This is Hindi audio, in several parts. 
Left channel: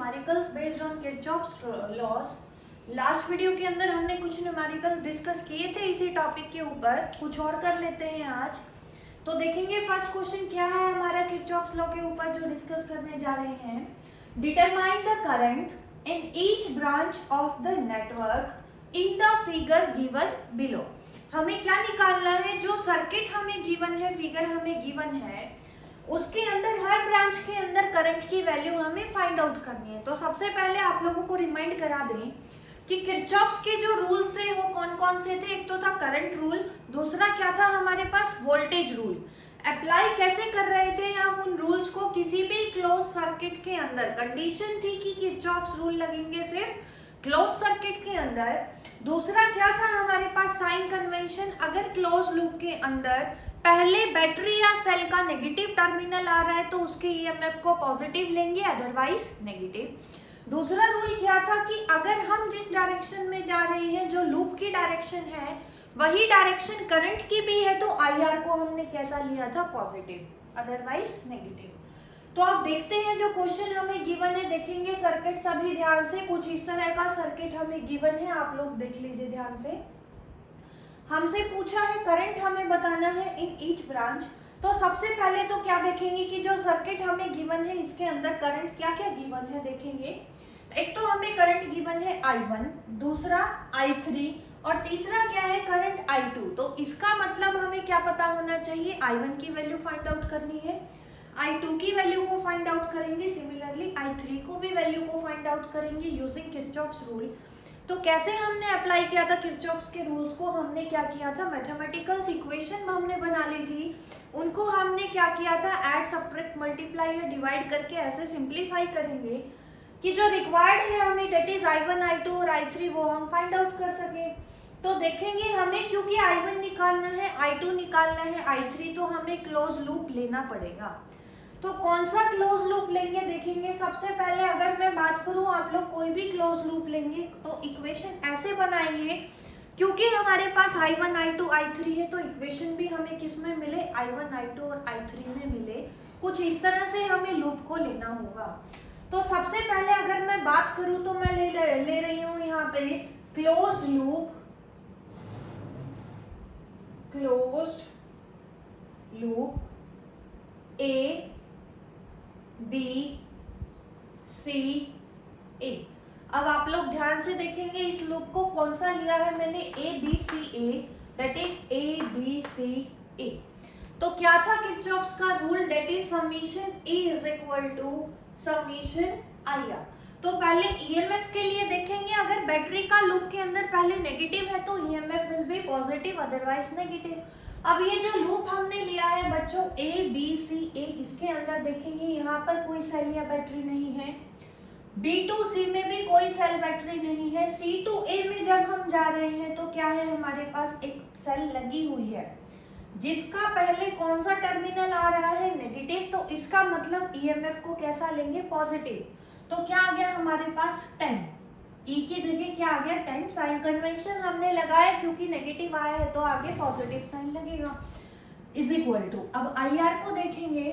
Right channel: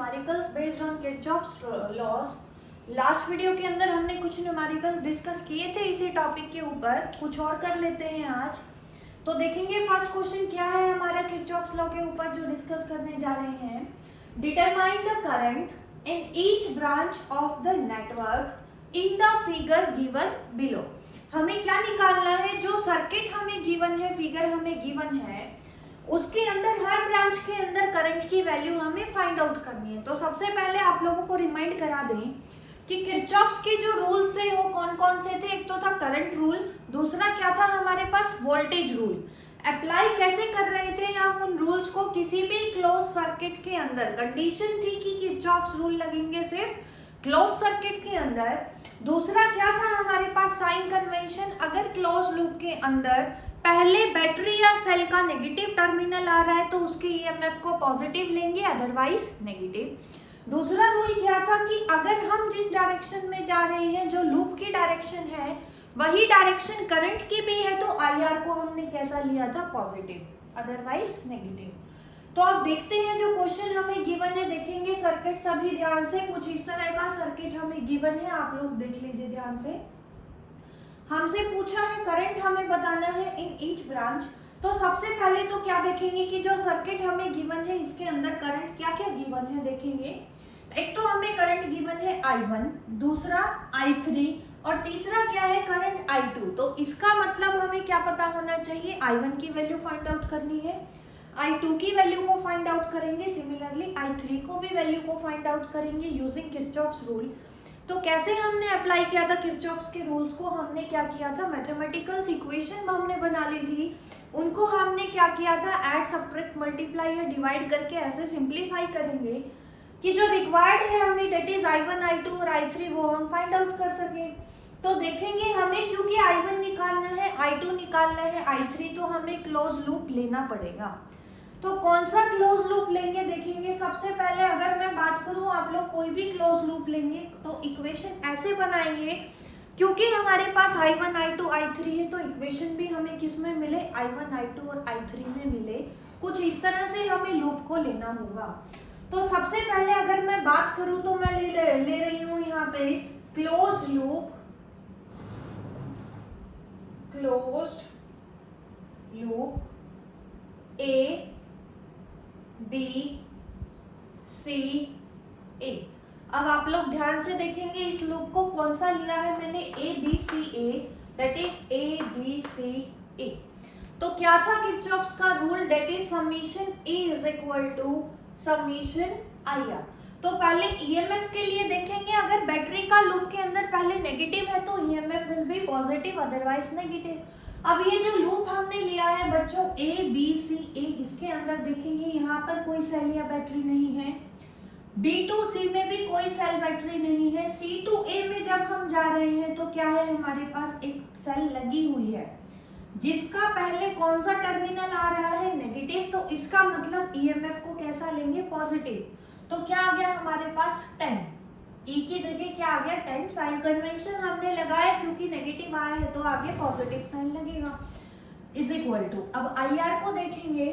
Numericals based on Kirchhoff's laws. Last video के अंदर हमने कुछ न्यूमेरिकल्स डिस्कस किए थे इसी टॉपिक के ऊपर, कुछ और कर लेते हैं आज। तो देखेंगे फर्स्ट क्वेश्चन क्या है हमारा किरचॉफ्स लॉ के ऊपर जो डिस्कस करने जा रहे हैं। Determine the current in each branch of the network in the figure given below. हमें क्या निकालना है, जो सर्किट हमें गिवन है, फिगर हमें गिवन है, उसके अंदर हर ब्रांच के अंदर करंट की वैल्यू हमें फाइंड आउट करनी है। तो सबसे पहले आप लोगों को रिमाइंड करा दें कि किरचॉफ्स के जो रूल्स थे वो कौन कौन से थे। एक तो था करंट रूल, दूसरा क्या था हमारे पास वोल्टेज रूल। अप्लाई कैसे कर रहे थे हम उन रूल्स को, किसी भी क्लोज सर्किट के अंदर कंडीशन थी कि किरचॉफ्स रूल लगेंगे सिर्फ क्लोज सर्किट के अंदर। दूसरा क्या था हमारे पास साइन कन्वेंशन, अगर क्लोज लूप के अंदर पहले बैटरी या सेल का नेगेटिव टर्मिनल आ रहा है तो उसके ईएमएफ को पॉजिटिव लेंगे, अदरवाइज नेगेटिव। दूसरा रूल क्या था कि अगर हम जिस डायरेक्शन में जा रहे हैं, जो लूप की डायरेक्शन है, वही डायरेक्शन करंट की भी है, तो आईआर को हमने कैसा लिया था, पॉजिटिव, अदरवाइज नेगेटिव। तो आप देखते हैं जो क्वेश्चन हमें गिवन है, देखेंगे सर्किट सभी ध्यान से। कुछ इस तरह का सर्किट हमें गिवन है, आप लोग देख लीजिए ध्यान से। हमसे पूछा है करंट हमें बताना है इन ईच ब्रांच। तो सबसे पहले तो क्या देखेंगे कि जो सर्किट हमें गिवन है इसके अंदर करंट क्या क्या गिवन है देखेंगे। एक तो हमें करंट गिवन है I1, दूसरा I3 और तीसरा क्या है करंट I2। तो इसका मतलब हमें क्या पता होना चाहिए, I1 की वैल्यू फाइंड आउट करनी है, I2 की वैल्यू को फाइंड आउट करेंगे, सिमिलरली I3 को भी वैल्यू को फाइंड आउट करेंगे यूजिंग किरचॉफ्स रूल। तो कैसे हमने अप्लाई किया था किरचॉफ्स के रूल्स को, हमने क्या किया था, मैथमेटिकल्स इक्वेशन हमने बना ली थी, उनको हमने क्या किया था, ऐड सब्ट्रैक्ट मल्टीप्लाई या डिवाइड करके ऐसे सिंप्लीफाई करेंगे कि जो रिक्वायर्ड है हमें डेट इज I1, I2 और I3 वो हम फाइंड आउट कर सके। तो देखेंगे हमें क्योंकि I1 निकालना है, I2 निकालना है, I3, तो हमें क्लोज लूप लेना पड़ेगा। तो कौन सा क्लोज लूप लेंगे देखेंगे। सबसे पहले अगर मैं बात करूं, आप लोग कोई भी क्लोज लूप लेंगे तो इक्वेशन ऐसे बनाएंगे, क्योंकि हमारे पास I1, I2, I3 है, तो इक्वेशन भी हमें किस में मिले, I1, I2 और I3 में मिले। कुछ इस तरह से हमें लूप को लेना होगा। तो सबसे पहले अगर मैं बात करूं तो मैं ले रही हूं यहाँ पे close loop, A B C A। अब आप लोग ध्यान से देखेंगे इस लूप को कौन सा लिया है मैंने, A B C A, that is A B C A। तो क्या था किरचॉफ्स का rule, that is summation E is equal to summation IR। तो पहले ईएमएफ के लिए देखेंगे, अगर बैटरी का लूप के अंदर पहले नेगेटिव है तो EMF will be positive, otherwise negative. अब ये जो लूप हमने लिया है बच्चों A B C A, इसके अंदर देखेंगे यहाँ पर कोई सेल या बैटरी नहीं है, B to C में भी कोई सेल बैटरी नहीं है, C to A में जब हम जा रहे हैं तो क्या है, हमारे पास एक सेल लगी हुई है जिसका पहले कौन सा टर्मिनल आ रहा है, नेगेटिव। तो इसका मतलब ईएमएफ को कैसा लेंगे, पॉजिटिव। तो क्या आ गया हमारे पास 10, ई की जगह क्या आ गया 10। साइन कन्वेंशन हमने लगाया क्योंकि नेगेटिव आया है तो आगे पॉजिटिव साइन लगेगा, इज इक्वल टू। अब आई आर को देखेंगे,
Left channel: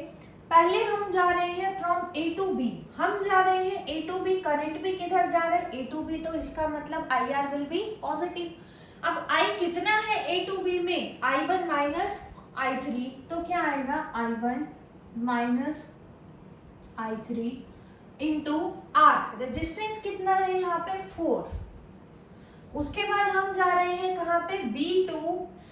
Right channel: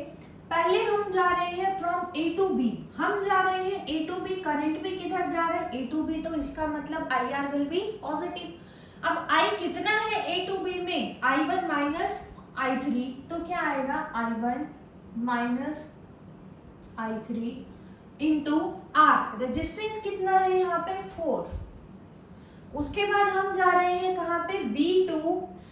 पहले हम जा रहे हैं फ्रॉम A to B, हम जा रहे हैं A to B, करंट भी किधर जा रहा है, A to B, तो इसका मतलब I R will be positive. अब I कितना है A to B में, I1 माइनस I3, तो क्या आएगा I1 minus I3 into R। Resistance कितना है यहाँ पे 4। उसके बाद हम जा रहे हैं कहाँ पे, B to C,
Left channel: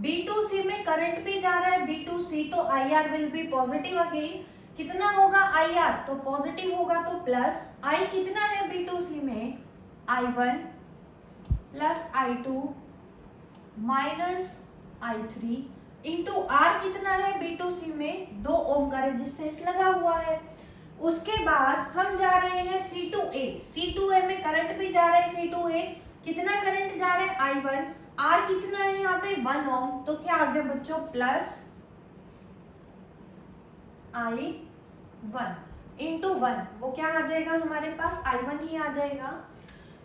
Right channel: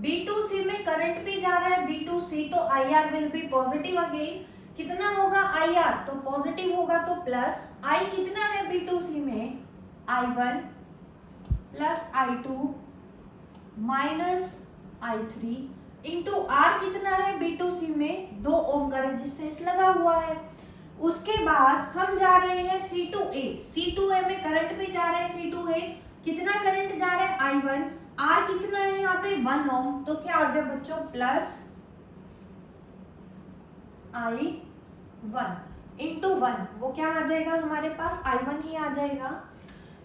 B to C में करंट भी जा रहा है B to C, तो IR will be positive again. कितना होगा IR, तो पॉजिटिव होगा तो प्लस, I कितना है B to C में, I1 plus I2 minus I3 into R कितना है B to C में, 2 ओम का रेजिस्टेंस लगा हुआ है। उसके बाद हम जा रहे हैं C to A, C to A में करंट भी जा रहा है C to A, कितना करंट जा रहा है I1, R कितना है यहाँ पे 1 ओम, तो क्या आ गया बच्चों, प्लस I1 इंटू 1, वो क्या आ जाएगा हमारे पास, I1 ही आ जाएगा।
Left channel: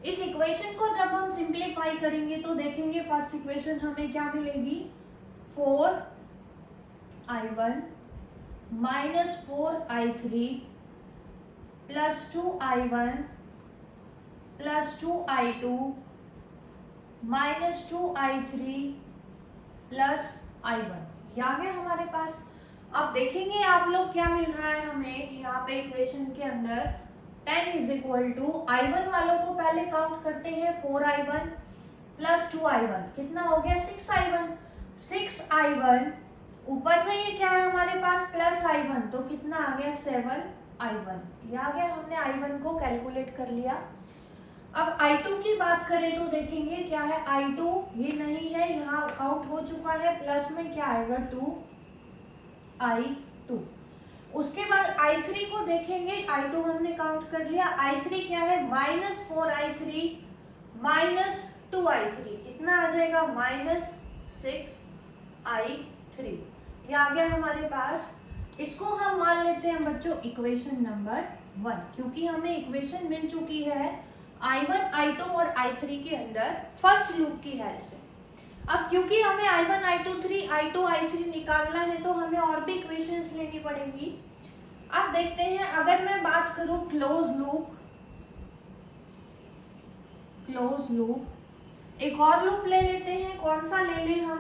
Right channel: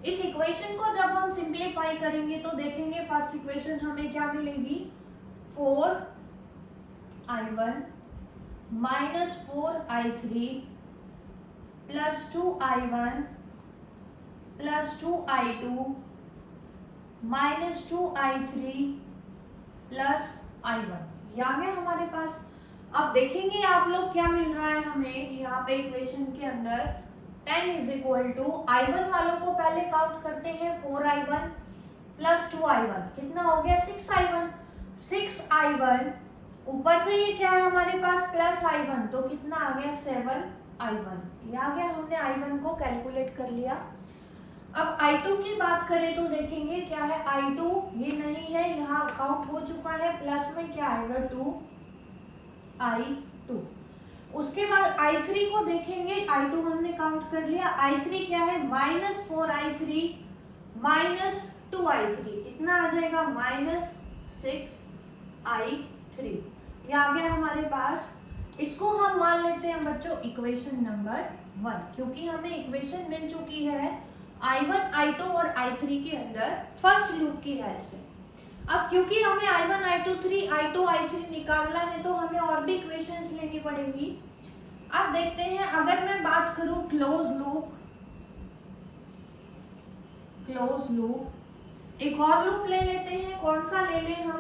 इस इक्वेशन को जब हम सिंप्लीफाई करेंगे तो देखेंगे फर्स्ट इक्वेशन हमें क्या मिलेगी, 4I1 minus 4I3 plus 2i1 plus 2i2 minus 2i3 plus i1। ये आ गया हमारे पास। अब देखेंगे आप लोग क्या मिल रहा है हमें यहाँ पे इक्वेशन के अंदर। 10 इज इक्वल टू i1 वालों को पहले काउंट करते हैं, 4i1 प्लस 2i1 कितना हो गया 6i1। 6i1 ऊपर से ये क्या है हमारे पास प्लस i1 तो कितना आ गया 7i1। ये आ गया, हमने i1 को कैलकुलेट कर लिया। अब i2 की बात करें तो देखेंगे क्या है i2, ये नहीं है यहाँ काउंट हो चुका है, प्लस में क्या आएगा 2i2। उसके बाद i3 को देखेंगे, i2 हमने काउंट कर लिया, i3 क्या है माइनस 4i3 माइनस 2i3 कितना आ जाएगा माइनस 6i3। ये आ गया हमारे पास। इसको हम मान लेते हैं बच्चों इक्वेशन नंबर 1, क्योंकि हमें इक्वेशन मिल चुकी है i1, i2 और i3 के अंदर फर्स्ट लूप की हेल्प से। अब क्योंकि हमें i1, i2, i3 निकालना है तो हमें और भी इक्वेशंस लेनी पड़ेंगी। अब देखते हैं, अगर मैं बात करूं क्लोज लूप, एक और लूप ले लेते हैं। कौन सा ले लें हम,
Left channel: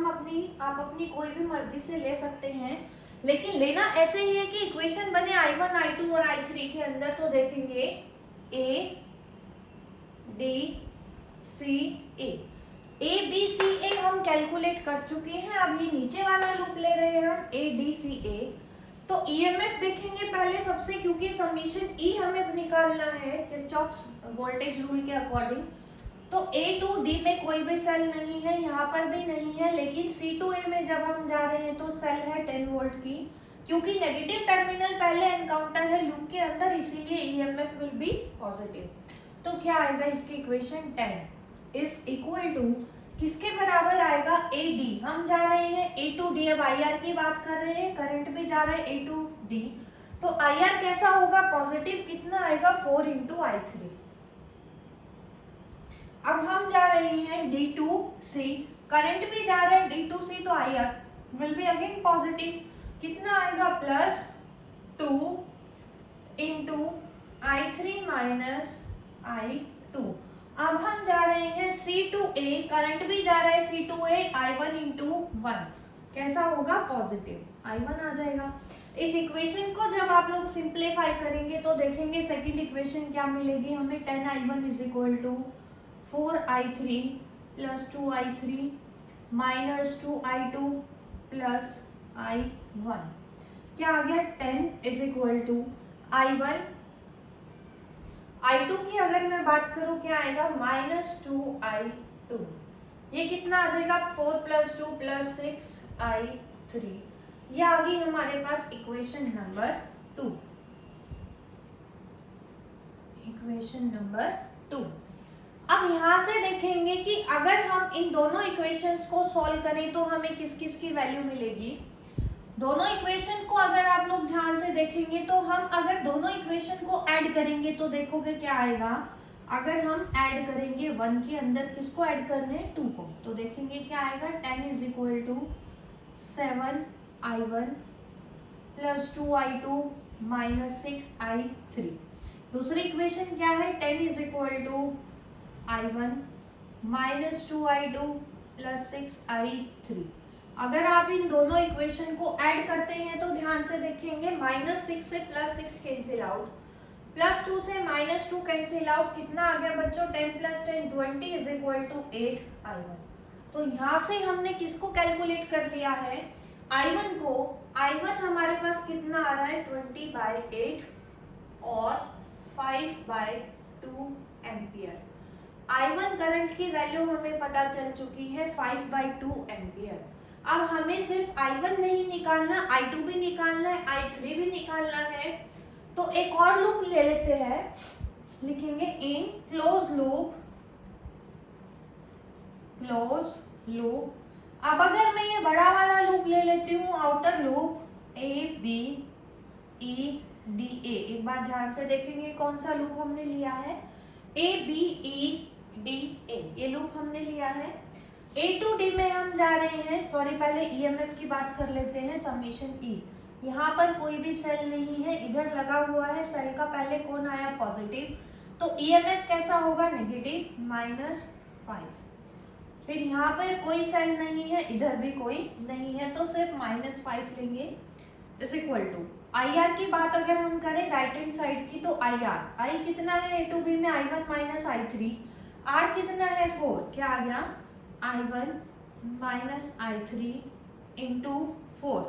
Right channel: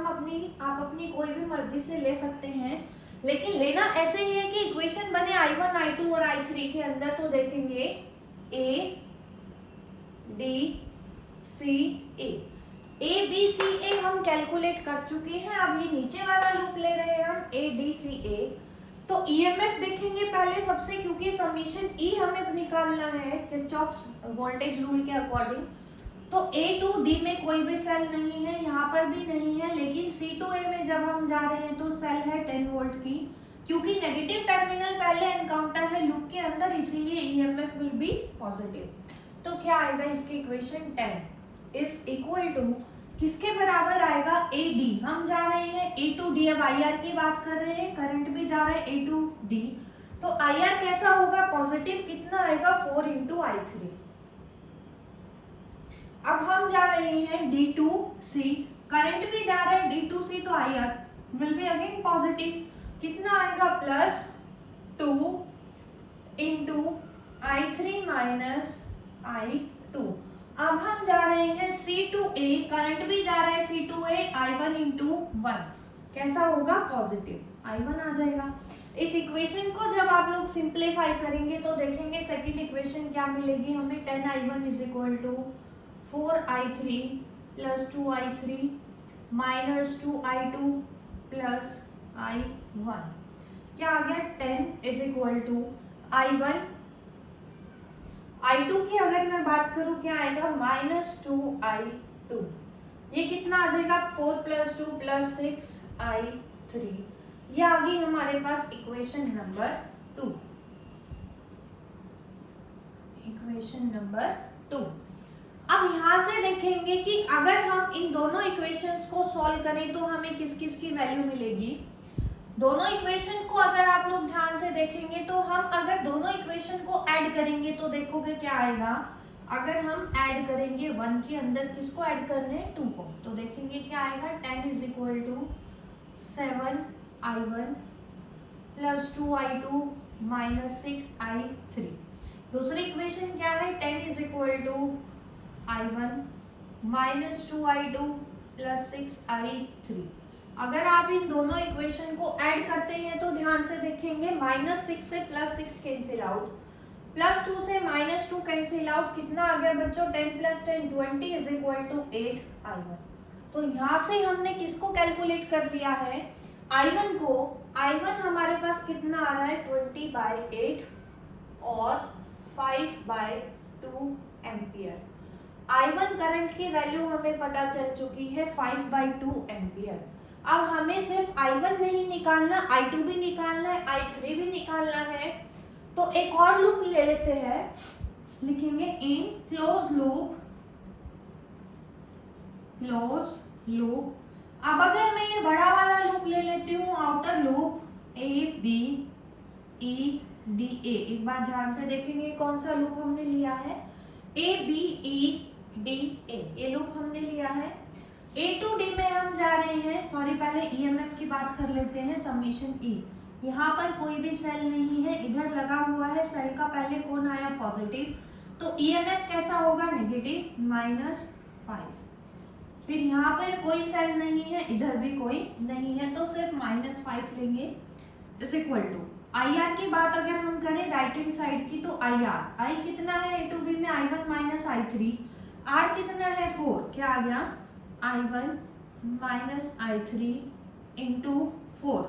आप अपनी कोई भी मर्जी से ले सकते हैं, लेकिन लेना ऐसे ही है कि इक्वेशन बने i1, i2 और i3 के अंदर। तो देखेंगे a D C A हम कैलकुलेट कर चुके हैं। अब ये नीचे वाला लूप ले रहे हैं हम ADCA। तो EMF देखेंगे पहले सबसे, क्योंकि समीशन E हमें निकालना है किरचॉफ्स वोल्टेज रूल के अकॉर्डिंग। तो A to D में कोई भी सेल नहीं है, यहाँ पर भी नहीं है, लेकिन C to A में जब हम जा रहे हैं तो सेल है 10 वोल्ट की, क्योंकि नेगेटिव टर्मिनल पहले एनकाउंटर है लूप के अंदर, इसीलिए EMF विल बी पॉजिटिव। तो क्या आएगा इसकी इक्वेशन 10 इज इक्वल टू किसके बराबर आएगा AD। हम जा रहे हैं A to D, अब IR की बात कर रहे हैं, करंट भी जा रहा है A to D, तो IR कैसा होगा पॉजिटिव, कितना आएगा 4 into I3। अब हम जा रहे हैं D to C, करंट भी जा रहा है D to C, तो IR will be again positive, कितना आएगा plus 2 into I3 minus I2। अब हम जा रहे हैं C to A, करंट भी जा रहा है C to A, I1 into 1 कैसा होगा पॉजिटिव, I1 आ जाएगा। इस इक्वेशन को जब आप लोग सिंप्लीफाई करेंगे तो देखेंगे सेकंड इक्वेशन क्या मिलेगी हमें। 10i1 is equal to 4i3 plus 2i3 minus 2i2 plus I1। क्या आ गया 10 is equal to I1, I2 की अगर मैं बात करूं क्या आएगा माइनस 2i2। ये कितना आ जाएगा 4 प्लस 2 प्लस 6i3। ये आ गई हमारे पास इक्वेशन नंबर 2। अब यहाँ से देखेंगे कि अगर हम इन दोनों इक्वेशंस को सॉल्व करें तो हमें किस किस की वैल्यू मिलेगी। दोनों इक्वेशन को अगर आप लोग ध्यान से देखेंगे तो हम अगर दोनों इक्वेशन को ऐड करेंगे तो देखोगे क्या आएगा। अगर हम ऐड करेंगे 1 के अंदर किसको ऐड करने हैं 2 को, तो देखेंगे क्या आएगा 10 is equal to 7i1 plus 2i2 minus 6i3। दूसरी इक्वेशन क्या है 10 is equal to i1 minus 2i2 plus 6i3। अगर आप इन दोनों इक्वेशन को ऐड करते हैं तो ध्यान से देखेंगे माइनस 6 से प्लस 6 कैंसिल आउट, प्लस 2 से माइनस 2 कैंसिल आउट, कितना आ गया बच्चों 10 plus 10 20 is equal to 8i1। तो यहाँ से हमने किसको कैलकुलेट कर लिया है I1 को। I1 हमारे पास कितना आ रहा है 20/8 और 5/2 एम्पियर। I1 करंट की वैल्यू हमें पता चल चुकी है 5/2 एम्पियर। अब हमें सिर्फ I1 नहीं निकालना, I2 भी निकालना है, I3 भी निकालना है। तो एक और लूप ले लेते हैं, लिखेंगे इन क्लोज लूप। अब अगर मैं ये बड़ा वाला लूप ले लेती हूँ आउटर लूप ABEDA, एक बार ध्यान से देखेंगे कौन सा लूप हमने लिया है ABEDA, ये लूप हमने लिया है। A to D में हम जा रहे हैं, सॉरी पहले EMF की बात कर लेते हैं, समीशन E। यहाँ पर कोई भी सेल नहीं है, इधर लगा हुआ है सेल का पहले कौन आया पॉजिटिव, तो ईएमएफ कैसा होगा नेगेटिव -5। फिर यहाँ पर कोई सेल नहीं है, इधर भी कोई नहीं है, तो सिर्फ -5 लेंगे इज इक्वल टू IR की बात अगर हम करें राइट हैंड साइड की, तो आई कितना है A to B में I1 माइनस I3, R कितना है 4, क्या आ गया I1 माइनस I3 इंटू 4।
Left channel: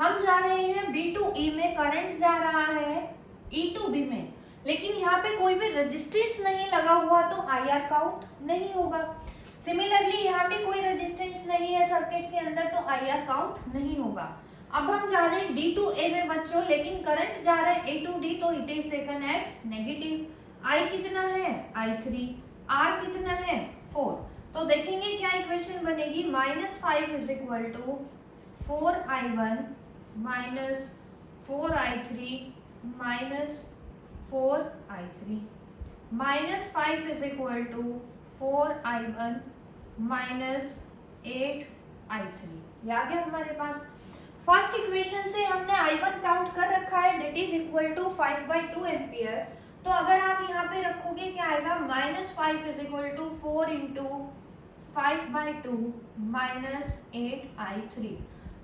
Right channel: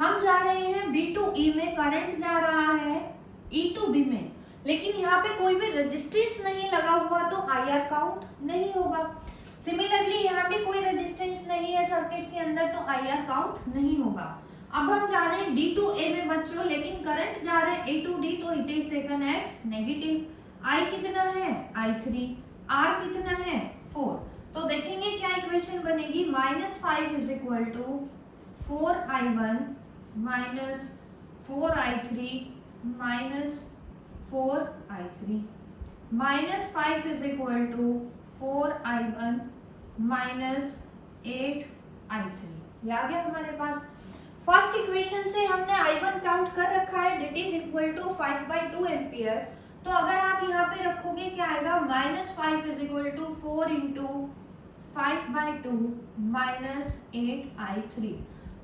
हम जा रहे हैं B to E में, करंट जा रहा है E to B में, लेकिन यहाँ पे कोई भी रेजिस्टेंस नहीं लगा हुआ तो IR काउंट नहीं होगा। सिमिलरली यहाँ पे कोई रेजिस्टेंस नहीं है सर्किट के अंदर तो IR काउंट नहीं होगा। अब हम जा रहे हैं D to A में बच्चों, लेकिन करंट जा रहा है A to D तो it is taken as negative. I कितना है I3, R कितना है 4। तो देखेंगे क्या इक्वेशन बनेगी, -5 is equal to 4I1 minus 4I3 minus 4I3, -5 is equal to 4I1 minus 8I3। ये आ गया हमारे पास। फर्स्ट इक्वेशन से हमने I1 काउंट कर रखा है, that is equal to 5/2 ampere. तो अगर आप यहाँ पे रखोगे क्या आएगा, -5 is equal to 4 into 5/2 minus 8I3।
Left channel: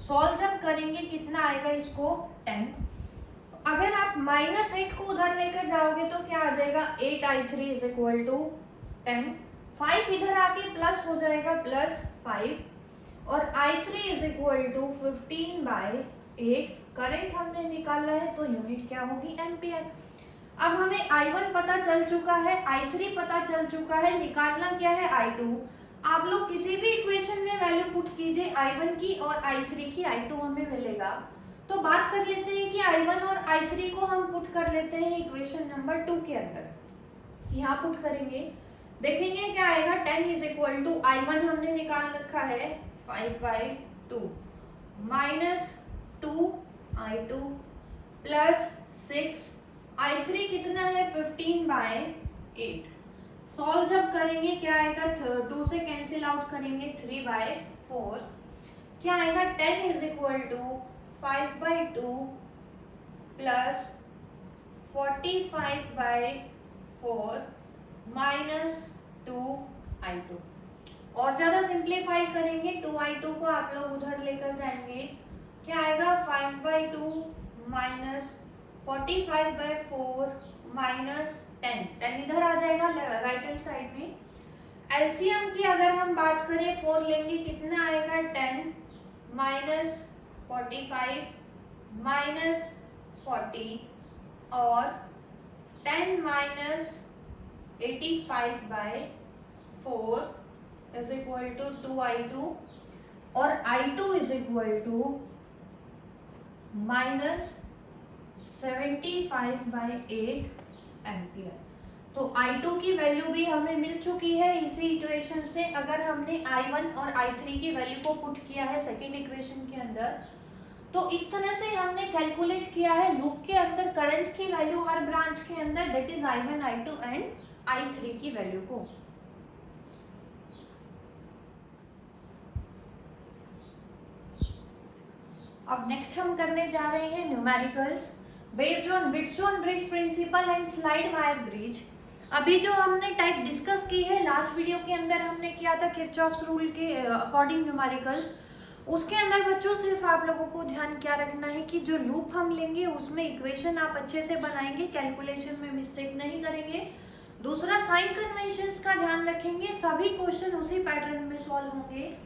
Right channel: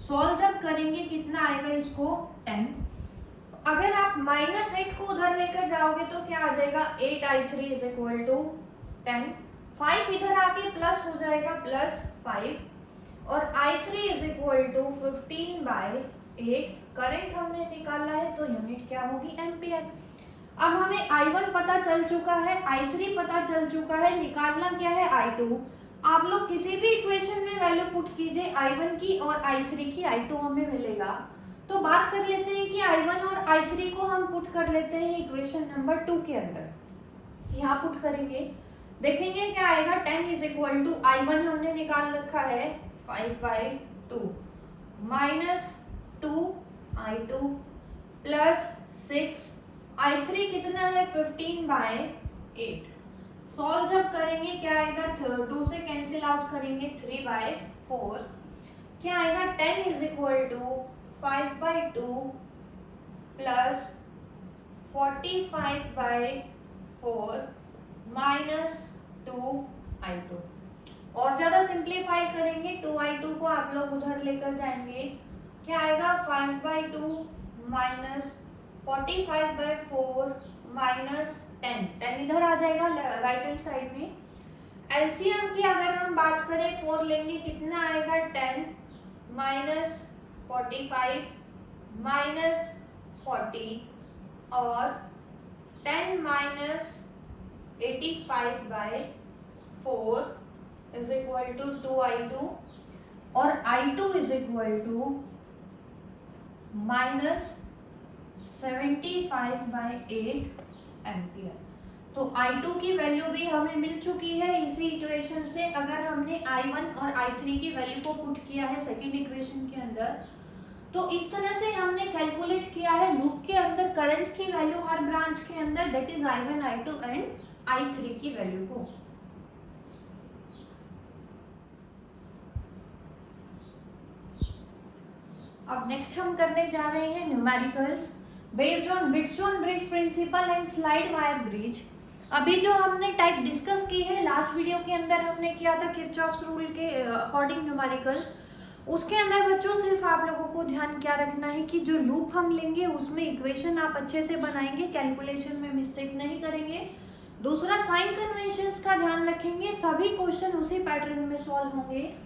Solve जब करेंगे कितना आएगा इसको 10। अगर आप -8 को उधर लेकर जाओगे तो क्या आ जाएगा 8I3 इज इक्वल टू 10। 5 इधर आके प्लस हो जाएगा +5 और I3 is equal to 15/8। Current हमने निकाला है तो यूनिट क्या होगी एम्पियर। अब हमें I1 पता चल चुका है, I3 पता चल चुका है, निकालना क्या है I2। आप लोग किसी भी इक्वेशन में वैल्यू पुट कीजिए I1 की और I3 की, I2 हमें मिलेगा। तो बात कर लेते हैं कि I1 और I3 को हम पुट कर लेते हैं इक्वेशन नंबर 2 के अंदर। यहाँ पुट करेंगे, देखेंगे क्या आएगा, 10 इज इक्वल टू I1 हमने निकाल रखा है 5/2 माइनस 2I2 प्लस 6, I3 कितना है 15/8। सॉल्व जब करेंगे क्या आएगा, 2 से कैंसिल आउट करेंगे 3/4, क्या आएगा 10 is equal to 5/2 plus 45/4 minus 2I2। और ज़्यादा सिंप्लीफाई करेंगे 2I2 को आप लोग उधर लेकर जाएंगे, क्या आएगा 5/2 माइनस 45/4 माइनस 10 इधर आ जाएगा राइट हैंड साइड में। एलसीएम की अगर हम बात करें 4 लेंगे कितना आएगा 10 माइनस 45 माइनस 40 और 10 minus 85/4 is equal to 2I2 और I2 is equal to minus 75/8 ampere. तो I2 की वैल्यू भी हमें मिल चुकी है इसी इक्वेशन से। अगर हमने I1 और I3 की वैल्यू को पुट किया है सेकंड इक्वेशन के अंदर, तो इस तरह से हमने कैलकुलेट किया है लूप के अंदर करंट की वैल्यू हर ब्रांच के अंदर, that is I1, I2 and I3 की वैल्यू को। अब नेक्स्ट हम करने जा रहे हैं numericals based on Wheatstone bridge principle and slide wire bridge. अभी जो हमने टाइप डिस्कस की है लास्ट वीडियो के अंदर हमने किया था किरचॉफ्स रूल के अकॉर्डिंग न्यूमेरिकल्स, उसके अंदर बच्चों सिर्फ आप लोगों को ध्यान क्या रखना है कि जो लूप हम लेंगे उसमें इक्वेशन आप अच्छे से बनाएंगे, कैलकुलेशन में मिस्टेक नहीं करेंगे। दूसरा साइन कन्वेंशंस का ध्यान रखेंगे, सभी क्वेश्चन उसी पैटर्न में सॉल्व होंगे।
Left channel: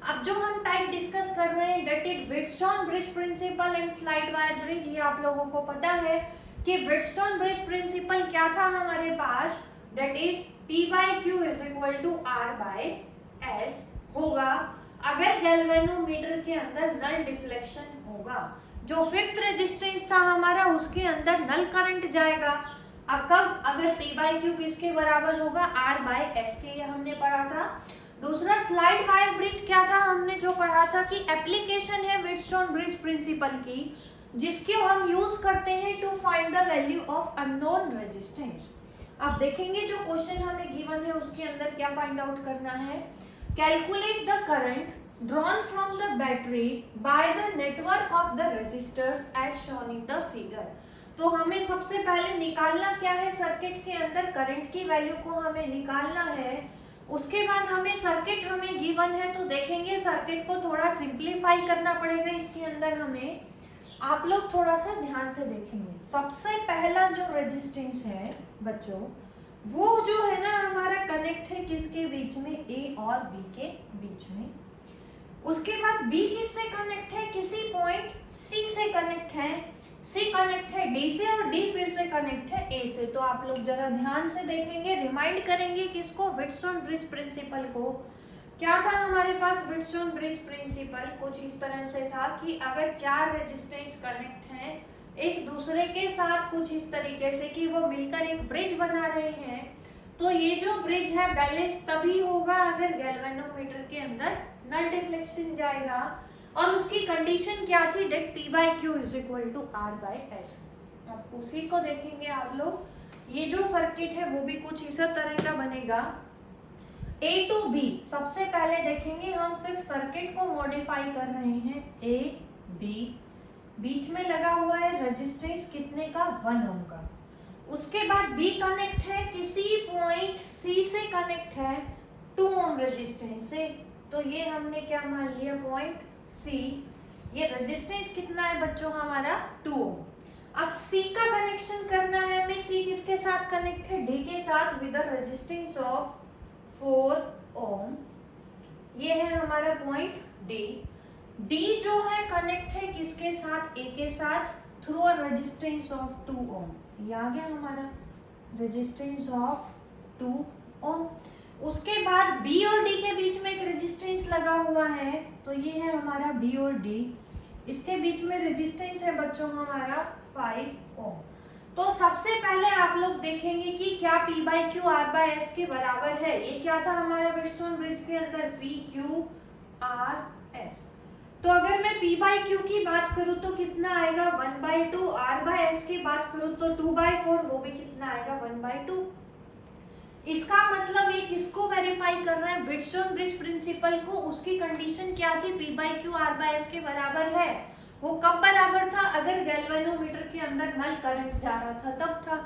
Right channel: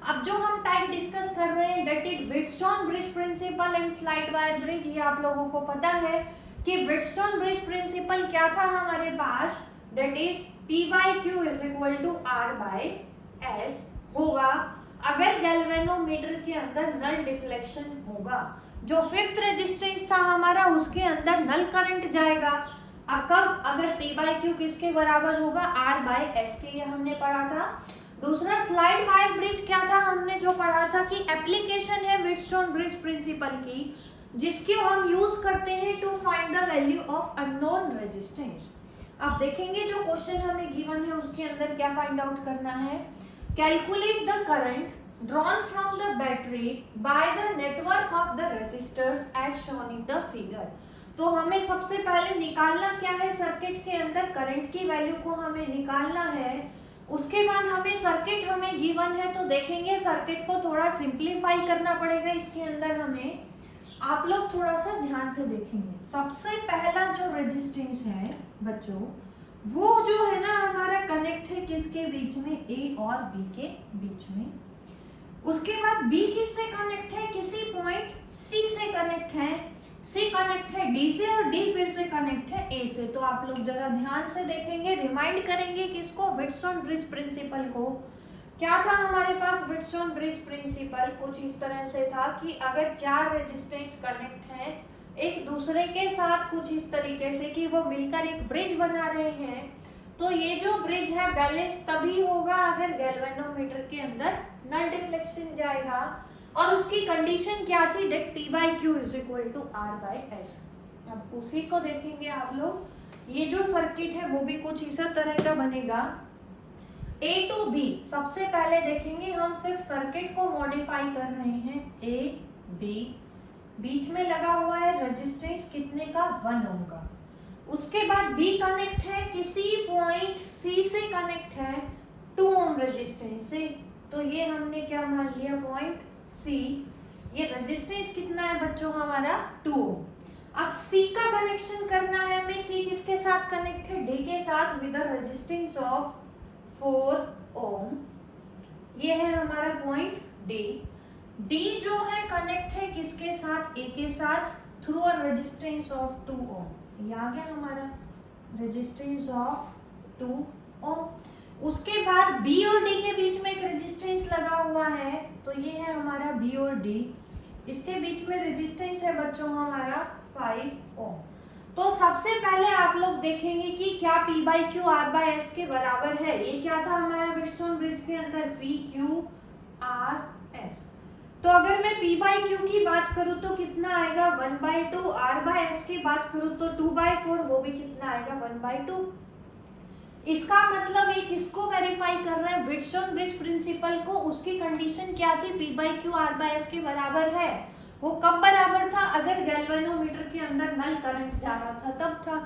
अब जो हम टाइप डिस्कस कर रहे हैं that is Wheatstone bridge principle and slide wire bridge. ये आप लोगों को पता है कि व्हिटस्टोन ब्रिज प्रिंसिपल क्या था हमारे पास, that is P/Q is equal to R/S होगा अगर गैल्वेनोमीटर के अंदर नल डिफ्लेक्शन होगा। जो फिफ्थ रेजिस्टेंस था हमारा उसके अंदर नल करंट जाएगा। अब कब, अगर P/Q किसके बराबर होगा, R/S के, ये हमने पढ़ा था। दूसरा स्लाइड वायर ब्रिज क्या था, हमने जो पढ़ा था कि एप्लीकेशन है व्हिटस्टोन ब्रिज प्रिंसिपल की जिसको हम यूज करते हैं to find the value of unknown resistance. अब देखेंगे जो क्वेश्चन हमें गिवन है उसके अंदर क्या फाइंड आउट करना है calculate the current drawn from the battery by the network of the resistors as shown in the figure. तो हमें सबसे पहले निकालना क्या है, सर्किट के अंदर करंट की वैल्यू को हमें निकालना है। उसके बाद हमें सर्किट हमें गिवन है, तो देखेंगे सर्किट को थोड़ा सिंप्लीफाई करना पड़ेगा। इसके अंदर हमें आप लोग थोड़ा सा ध्यान से देखेंगे। सबसे पहला जो रेजिस्टेंस है बच्चों, वो जो है ना हमारा कनेक्ट है किसके बीच में, ए और बी के बीच में। उसके बाद बी किससे कनेक्ट है, किसी पॉइंट सी से कनेक्ट है, सी कनेक्ट है डी से और डी फिर से कनेक्ट है ए से। तो आप लोग जरा ध्यान से देखेंगे, रिमाइंड करेंगे किसको, व्हिटस्टोन ब्रिज प्रिंसिपल को। क्या था हमारे पास व्हिटस्टोन ब्रिज प्रिंसिपल, कुछ इस तरह से था कि अगर चार रेजिस्टेंस कनेक्ट हैं एक दूसरे के साथ कुछ इस तरीके से कि वो मिलकर एक ब्रिज बना रहे हैं, तो ये जो ब्रिज है बैलेंस तभी होगा अगर गैल्वेनोमीटर के अंदर नल डिफ्लेक्शन जाएगा। और उसकी कंडीशन क्या थी, that P by Q is equal to R by S। अब उसी को देखेंगे आप लोग। ये जो सर्किट है वो भी कुछ इस तरह का बनेगा। A to B सबसे पहले देखेंगे, हम सिर्फ सर्किट को मॉडिफाई कर रहे हैं। A B बीच में लगा हुआ है रेजिस्टेंस कितने का, 1 ओम का। उसके बाद B कनेक्ट है किसी पॉइंट C से कनेक्ट है 2 ओम रेजिस्टेंस से, तो ये हमने क्या मान लिया, पॉइंट C। ये रेजिस्टेंस कितना है बच्चों हमारा, 2 ओम। अब C का कनेक्शन करना है हमें, C किसके साथ कनेक्ट है, D के साथ विद द रेजिस्टेंस ऑफ 4 ओम। ये है हमारा पॉइंट D। D जो है कनेक्ट है किसके साथ, A के साथ थ्रू अ रेजिस्टेंस ऑफ 2 ओम। ये आ गया हमारा रेजिस्टेंस ऑफ 2 ओम। उसके बाद B और D के बीच में एक रेजिस्टेंस लगा हुआ है, तो ये है हमारा B और D। इसके बीच में रेजिस्टेंस है बच्चों हमारा 5 ओम। तो सबसे पहले आप लोग देखेंगे कि क्या P by Q R by S के बराबर है। ये क्या था हमारे व्हिटस्टोन ब्रिज के अंदर, P Q R S। तो अगर मैं P by Q की बात करूँ तो कितना आएगा, 1/2। R by S की बात करूँ तो 2/4, वो भी कितना आएगा, 1/2। इसका मतलब ये किसको वेरीफाई कर रहे हैं, व्हिटस्टोन ब्रिज प्रिंसिपल को। उसकी कंडीशन क्या थी, P by Q R by S के बराबर है। वो कब बराबर था, अगर गैल्वेनोमीटर के अंदर नल करंट जा रहा था तब था।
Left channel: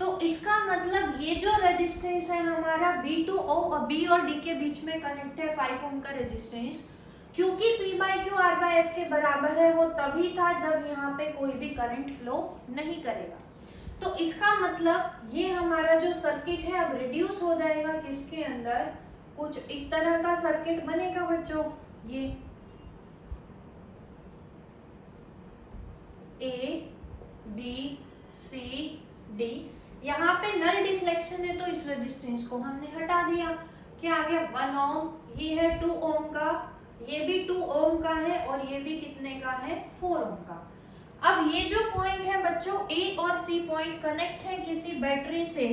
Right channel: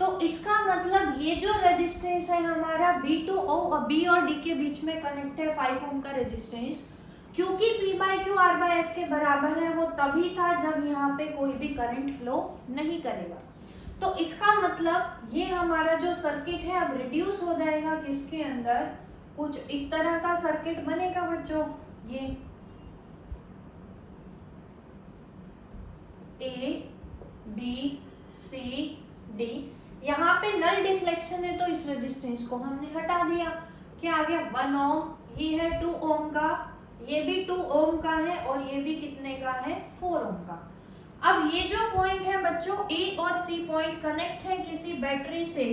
तो इसका मतलब ये जो रेजिस्टेंस है हमारा B और D के बीच में कनेक्ट है 5 ओम का रेजिस्टेंस, क्योंकि P by Q R by S के बराबर है, वो तभी था जब यहाँ पे कोई भी करंट फ्लो नहीं करेगा। तो इसका मतलब ये हमारा जो सर्किट है अब रिड्यूस हो जाएगा किसके अंदर, कुछ इस तरह का सर्किट बनेगा बच्चों। ये A B C D, यहाँ पे नल डिफ्लेक्शन है तो इस रेजिस्टेंस को हमने हटा दिया। क्या आ गया, 1 ओम। ये है 2 ओम का, ये भी 2 ओम का है और ये भी कितने का है, 4 ओम का। अब ये जो पॉइंट है बच्चों A और C पॉइंट कनेक्ट है किसी बैटरी से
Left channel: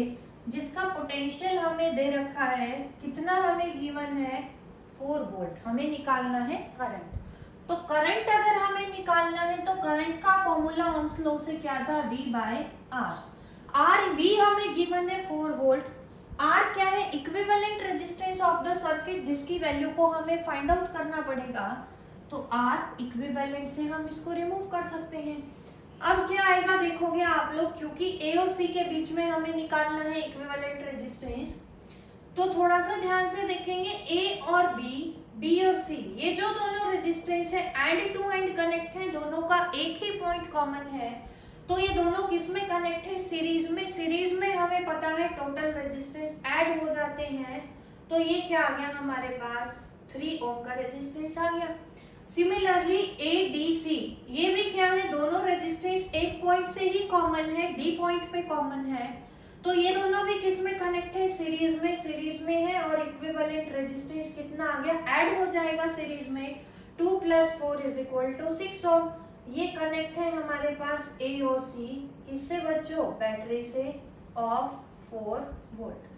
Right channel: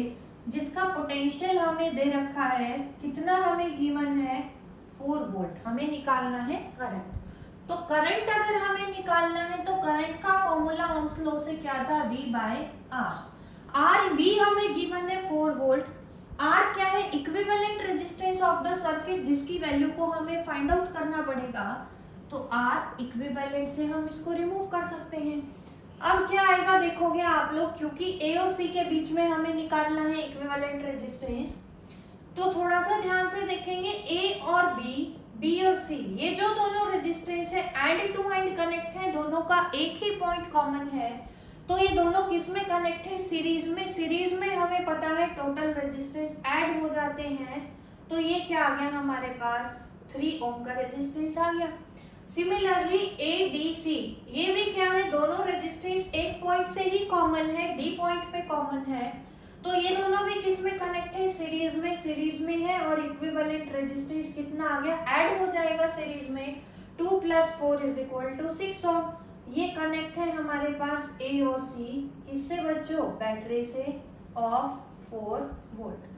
जिसका पोटेंशियल हमें दे रखा है, कितना हमें गिवन है, 4 वोल्ट। हमें निकालना है करंट। तो करंट अगर हमें निकालना है तो करंट का फॉर्मूला ओम्स लॉ से क्या था, V by R। R V हमें गिवन है 4 वोल्ट। R क्या है, equivalent resistance of the circuit, जिसकी वैल्यू को हमें फाइंड आउट करना पड़ेगा। तो R इक्विवेलेंट से हम इसको रिमूव कर सकते हैं। अब क्या आएगा देखोगे आप लोग, क्योंकि A और C के बीच में हमें निकालना है इक्विवेलेंट रेजिस्टेंस, तो थोड़ा सा ध्यान से देखेंगे। A और B और C, ये जो दोनों रेजिस्टेंस है एंड टू एंड कनेक्ट है, दोनों का एक ही पॉइंट कॉमन है। तो ये दोनों किस में कनेक्ट है, सीरीज में। सीरीज में हमें पता है टोटल रेजिस्टेंस ऐड हो जाते हैं, तो ये क्या आ गया हमारे पास, 3 ओम का रेजिस्टेंस आ गया। सिमिलरली ADC, ये भी क्या है, दोनों रेजिस्टेंस एक पॉइंट से ही कॉमन है, D पॉइंट पे कॉमन है, तो ये दोनों भी किस में कनेक्ट है, सीरीज में है। और इक्विवेलेंट रेजिस्टेंस कितना आ गया, ऐड हो जाएगा सीरीज में, 2 + 4 = 6 ओम। ये कनेक्ट है हमारे पास A और C किससे बच्चों, बैटरी से ऑफ 4 वोल्ट।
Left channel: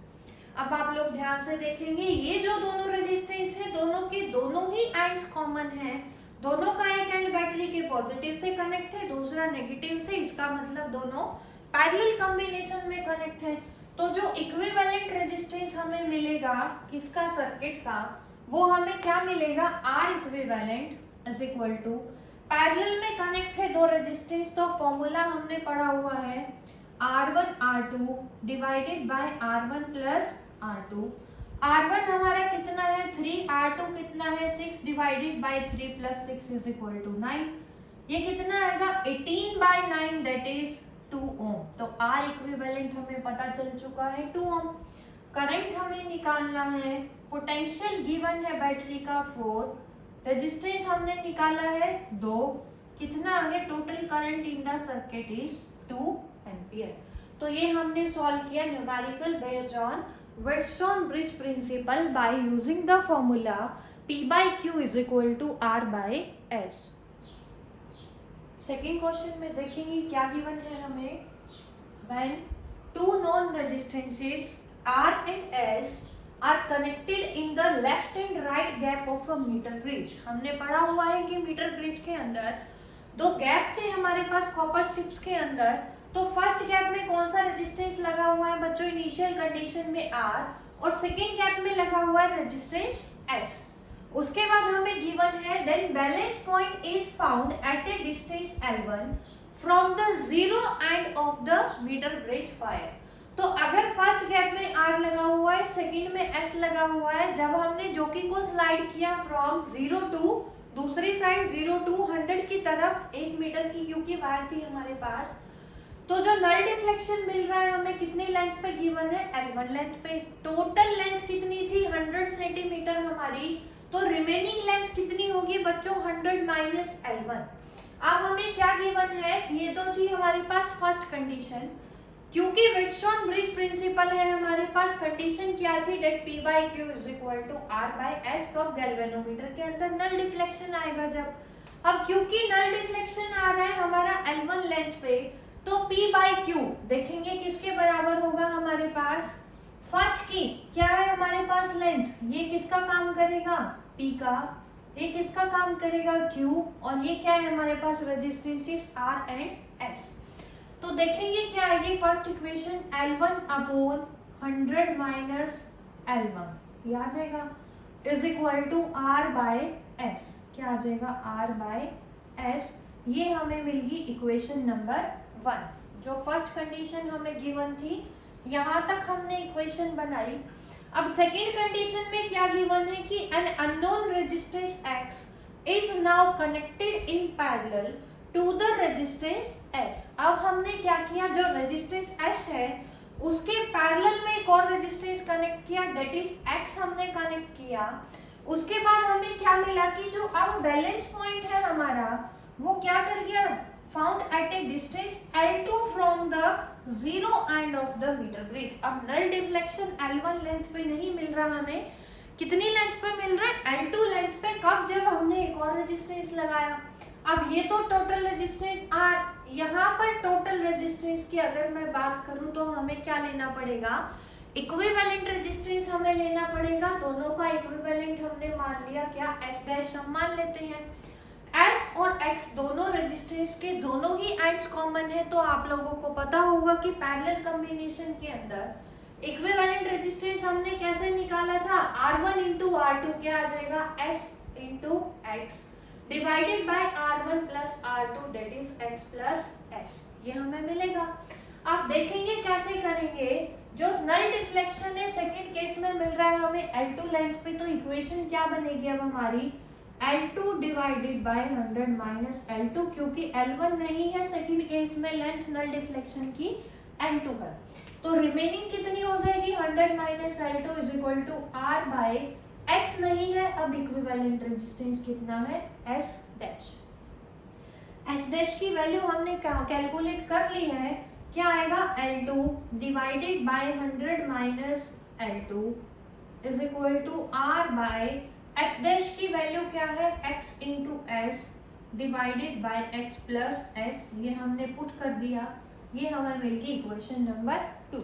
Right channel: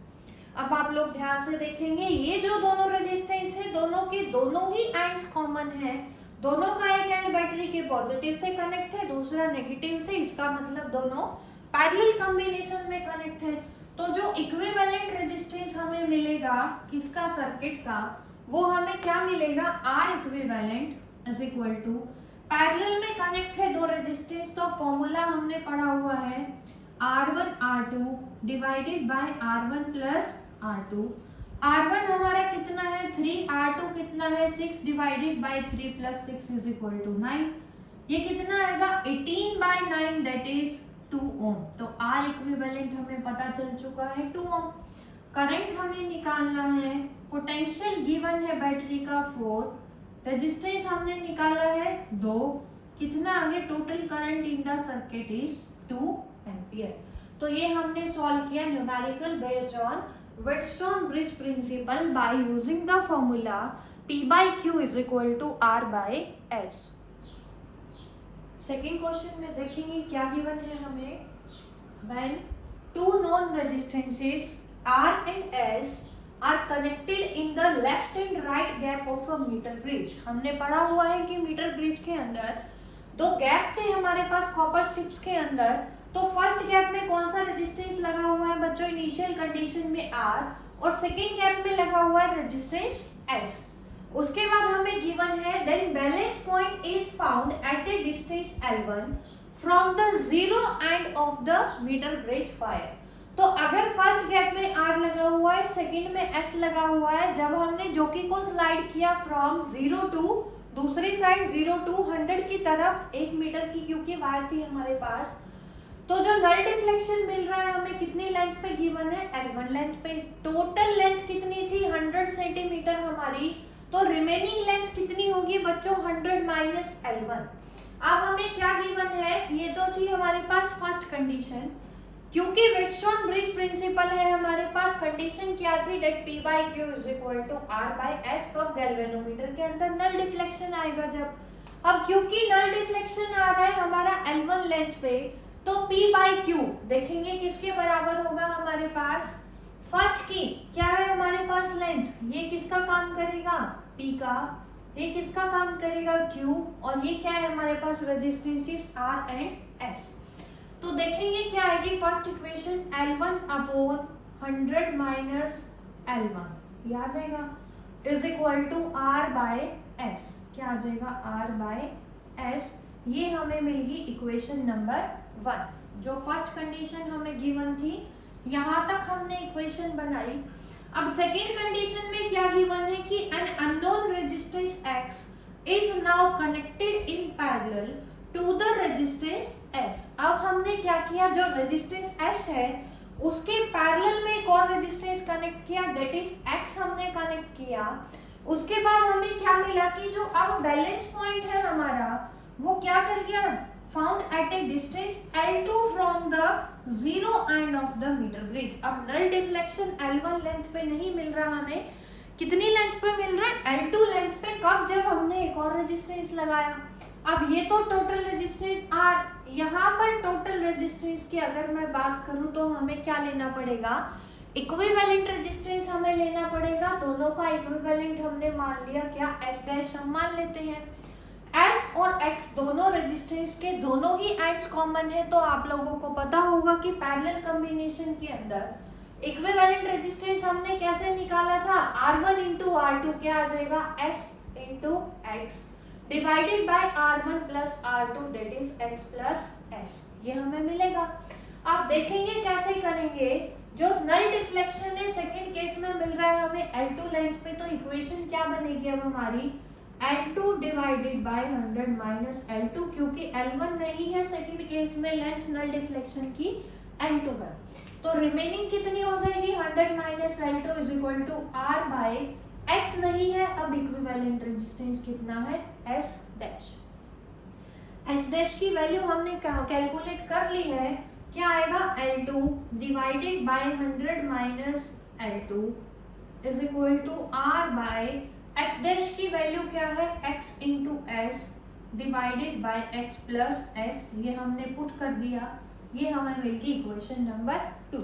अब आप लोग ध्यान से देखेंगे, ये जो दोनों रेजिस्टेंस है दोनों के दोनों ही एंड्स कॉमन है। दोनों का एक एंड बैटरी के पॉजिटिव से कनेक्ट है, दूसरा नेगेटिव से। इसका मतलब दोनों पैरेलल कॉम्बिनेशन में कनेक्ट है। तो जो इक्विवेलेंट रेजिस्टेंस हमें मिलेगा किसका, सर्किट का, वो हमें क्या मिलेगा, R equivalent is equal to, parallel में कनेक्ट है दो रेजिस्टेंस, तो फॉर्मूला हमने पढ़ा हुआ है R1 R2 divided by R1 plus R2। R1 हमारा कितना है 3, R2 कितना है 6 divided by 3 plus 6 is equal to 9। ये कितना आएगा 18 बाय 9 दैट इज 2 ओम। तो R इक्विवेलेंट हमें पता चल चुका है 2 ओम। करंट हमें निकालना है, पोटेंशियल गिवन है बैटरी का 4, रेजिस्टेंस हमने निकाला है 2, कितना आगे total current in the circuit is 2 ampere. तो ये हमने सॉल्व किया numerical based on Wheatstone bridge principle by using the formula P by Q is equal to R by S। Second question में देखेंगे क्या गिवन है हमें, when two known resistances R and S are connected in the left and right gap of a meter bridge। हमने पढ़ा हुआ है कि मीटर ब्रिज के अंदर दो गैप थे हमारे पास कॉपर स्ट्रिप्स के अंदर। तो फर्स्ट गैप में कौन सा रेजिस्टेंस लगा हुआ है बच्चों, इनिशियल कंडीशन में R, और सेकेंड गैप में लगा हुआ है रेजिस्टेंस S। उसके बाद हमें गिवन है then balance point is found at a distance L1 from the zero end of the metre bridge wire. तो अगर फर्स्ट गैप में R लगा हुआ है, सेकंड में S लगा हुआ है, जब हमने जोकी को स्लाइड किया फ्रॉम 0 टू दूसरी साइड 0 टू 100 की तरफ 1 मीटर की क्योंकि वायर थी हमारे पास, तो जो नल डिफ्लेक्शन मिल रहा है हमें कितनी लेंथ पे गिवन है, L1 लेंथ पे। टोटल लेंथ कितनी थी 100 सेंटीमीटर हमारी, तो रिमेनिंग लेंथ कितनी होगी बच्चों 100 माइनस L1। अब हमें क्या गिवन है, ये तो थी हमारे पास फर्स्ट कंडीशन, क्योंकि व्हेटस्टोन ब्रिज प्रिंसिपल है हमारे पास, कंडीशन क्या थी that P by Q is equal to R by S। कब गैल्वेनोमीटर के अंदर नल डिफ्लेक्शन आएगा जब। अब क्योंकि नल डिफ्लेक्शन आ रहा है हमारा L1 लेंथ पे, तो P by Q देखेंगे किसके बराबर होगा हमारे पास, फर्स्ट की क्या है हमारे पास लेंथ, ये किसका काम करेगा P का, ये किसका काम करेगा Q, और ये क्या है हमारे पास रेजिस्टेंसेस R एंड S। तो देखेंगे क्या आएगी first equation, L1 upon 100 minus L1 ये आ जाएगा is equal to R by S। क्या आ जाएगा R बाय S। ये हमें मिल गई इक्वेशन नंबर 1। जो फर्स्ट कंडीशन हमें गिवन थी यहाँ तक हमने इक्वेशन बनाई। अब सेकेंड कंडीशन में क्या गिवन है कि an unknown resistance X is now connected in parallel to the resistance S। अब हमने क्या किया, जो रेजिस्टेंस S है उसके पैरेलल में एक और रेजिस्टेंस कनेक्ट किया दैट इज X हमने कनेक्ट किया। उसके बाद हमें क्या मिला कि जो अब बैलेंस पॉइंट है हमारा वो क्या कर गया, found at a distance L2 from the zero end of the metre bridge. अब नल डिफ्लेक्शन L1 लेंथ पे नहीं मिल रहा हमें, कितनी लेंथ पे मिल रहा है L2 लेंथ पे। कब, जब हमने एक और रेजिस्टेंस लगाया। अब ये तो टोटल रेजिस्टेंस R, यहाँ पर टोटल रेजिस्टेंस की अगर मैं बात करूँ तो हमें क्या लेना पड़ेगा, इक्विवेलेंट रेजिस्टेंस हमें लेना पड़ेगा। दोनों का इक्विवेलेंट हमने मान लिया, क्या S डैश हम मान लेते हैं। S और X दोनों रेजिस्टेंस के दोनों ही एंड्स कॉमन है, तो आप लोगों को पता होगा कि पैरेलल कॉम्बिनेशन के अंदर इक्विवेलेंट रेजिस्टेंस हमने कैसे निकाला था, R1 इंटू R2 क्या आ जाएगा S into X divided by R1 plus R2 that is X plus S। ये हमें मिलेगा। आप देखेंगे कैसे करेंगे, जो नल डिफ्लेक्शन है सेकंड केस में मिल रहा है हमें L2 लेंथ पे, तो इक्वेशन क्या बनेगी अब हमारी L2 divided by 100 minus L2, क्योंकि L1 नहीं है सेकंड केस में, लेंथ नल डिफ्लेक्शन की L2 है। तो रिमेनिंग कितनी हो जाएगी 100 minus L2 is equal to R by S नहीं है। अब इक्विवेलेंट रेजिस्टेंस कितना है S डैश। S डैश की वैल्यू हमने कैलकुलेट कर ली है, क्या आएगा L2 divided by 100 minus L2 is equal to R by S dash की वैल्यू क्या है X into S divided by X plus S। ये हमने पुट कर दिया, ये हमें मिल गई इक्वेशन नंबर 2।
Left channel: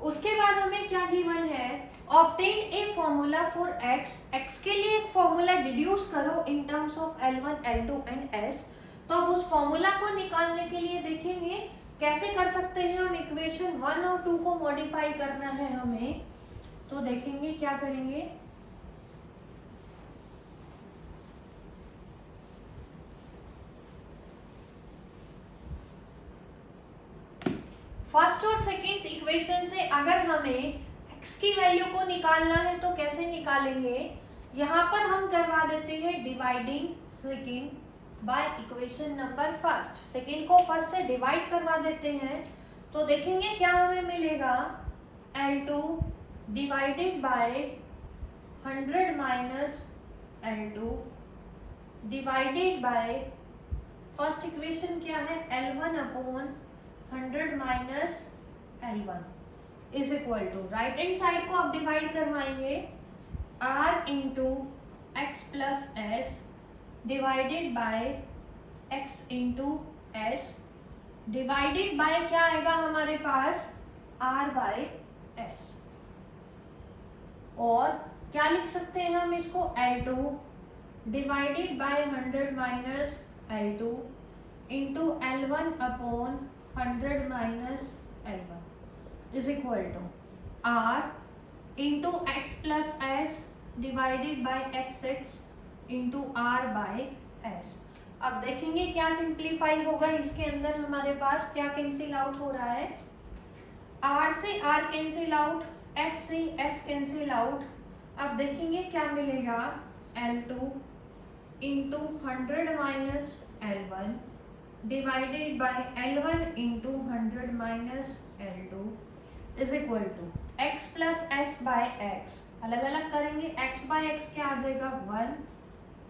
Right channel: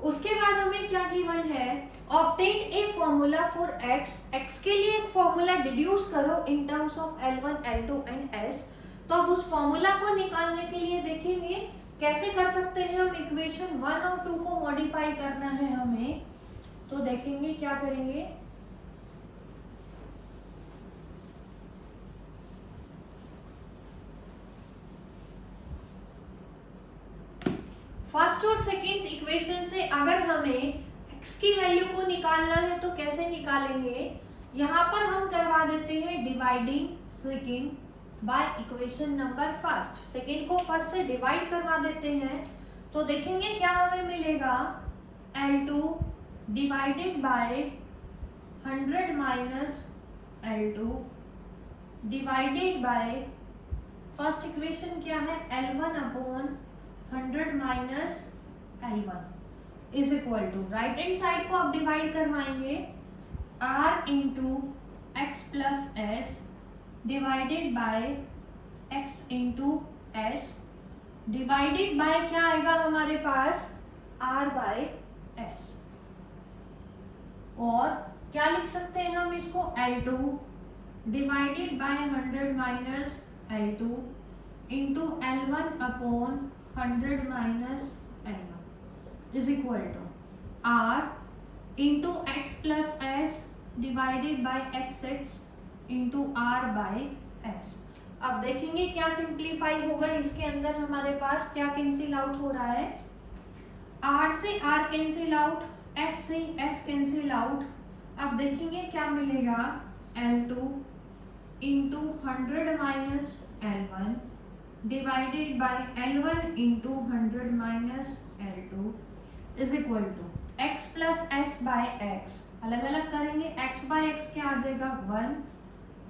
उसके बाद हमें क्या गिवन है, obtain a formula for x के लिए एक फॉर्मूला डिड्यूस करो इन terms of L1, L2 and S। तो अब उस फॉर्मूला को निकालने के लिए देखेंगे कैसे कर सकते हैं हम, इक्वेशन 1 और 2 को मॉडिफाई करना है हमें। तो देखेंगे क्या करेंगे, फर्स्ट और सेकंड इक्वेशन से अगर हमें x की वैल्यू को निकालना है तो कैसे निकालेंगे, यहाँ पर हम करवा देते हैं dividing second by equation number first. Second को फर्स्ट से डिवाइड करवा देते हैं तो देखेंगे क्या हमें मिलेगा, L2 divided by 100 minus L2 divided by first equation क्या है, L1 upon 100 minus L1 is equal to, right hand side को अब डिवाइड करवाएंगे, R into X plus S divided by X into S divided by क्या आएगा हमारे पास, R बाय एस। और क्या लिख सकते हैं हम इसको, L2 divided by 100 minus L2 into L1 upon 100 minus L1 is equal to R into X plus S divided by X X into R by S. अब देखेंगे क्या सिंप्लीफाई होगा, इसके अंदर हमारे पास क्या कैंसिल आउट हो रहा है, R से R कैंसिल आउट, S से S कैंसिल आउट। अब देखेंगे क्या मिलेगा, L2 into 100 minus L1 divided by L1 into 100 minus L2 is equal to x plus S by X. अलग अलग करेंगे, x बाय एक्स क्या आ जाएगा, 1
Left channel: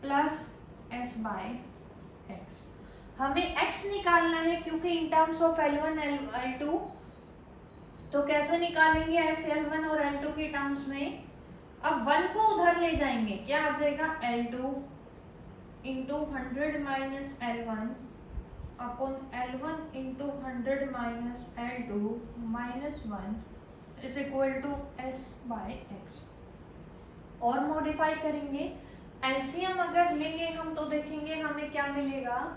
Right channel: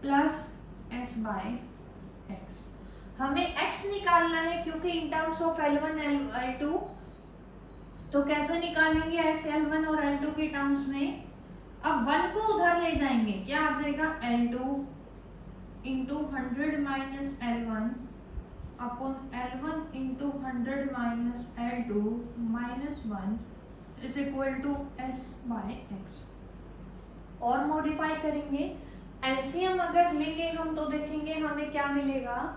प्लस एस बाय एक्स। हमें x निकालना है क्योंकि इन टर्म्स ऑफ L1 L2, तो कैसे निकालेंगे एस L1 और L2 के टर्म्स में। अब 1 को उधर ले जाएंगे, क्या आ जाएगा, L2 into 100 minus L1 upon L1 into 100 minus L2 minus 1 is equal to S by X. और मॉडिफाई करेंगे, एलसीएम अगर लेंगे हम तो देखेंगे हमें क्या मिलेगा,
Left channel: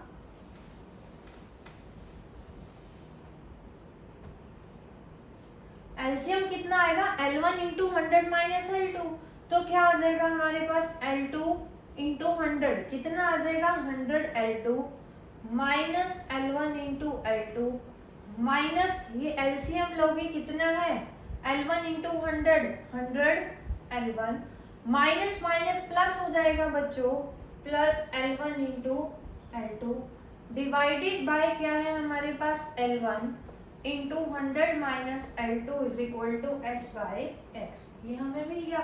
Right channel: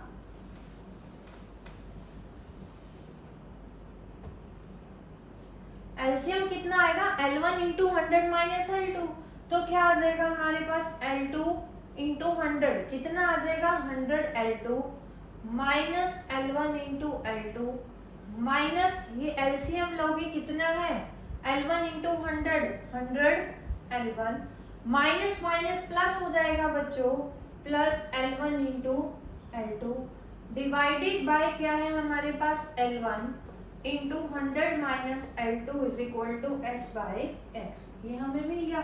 एलसीएम कितना आएगा, L1 इंटू 100 माइनस L2, तो क्या आ जाएगा हमारे पास, L2 इंटू 100 कितना आ जाएगा, 100 L2 minus L1 into L2 minus ये एलसीएम लोगे कितना है, L1 into 100 L1 minus minus plus हो जाएगा बच्चों, plus L1 into L2 divided by क्या है हमारे पास, L1 into 100 minus L2 is equal to S by X. ये हमें मिल गया।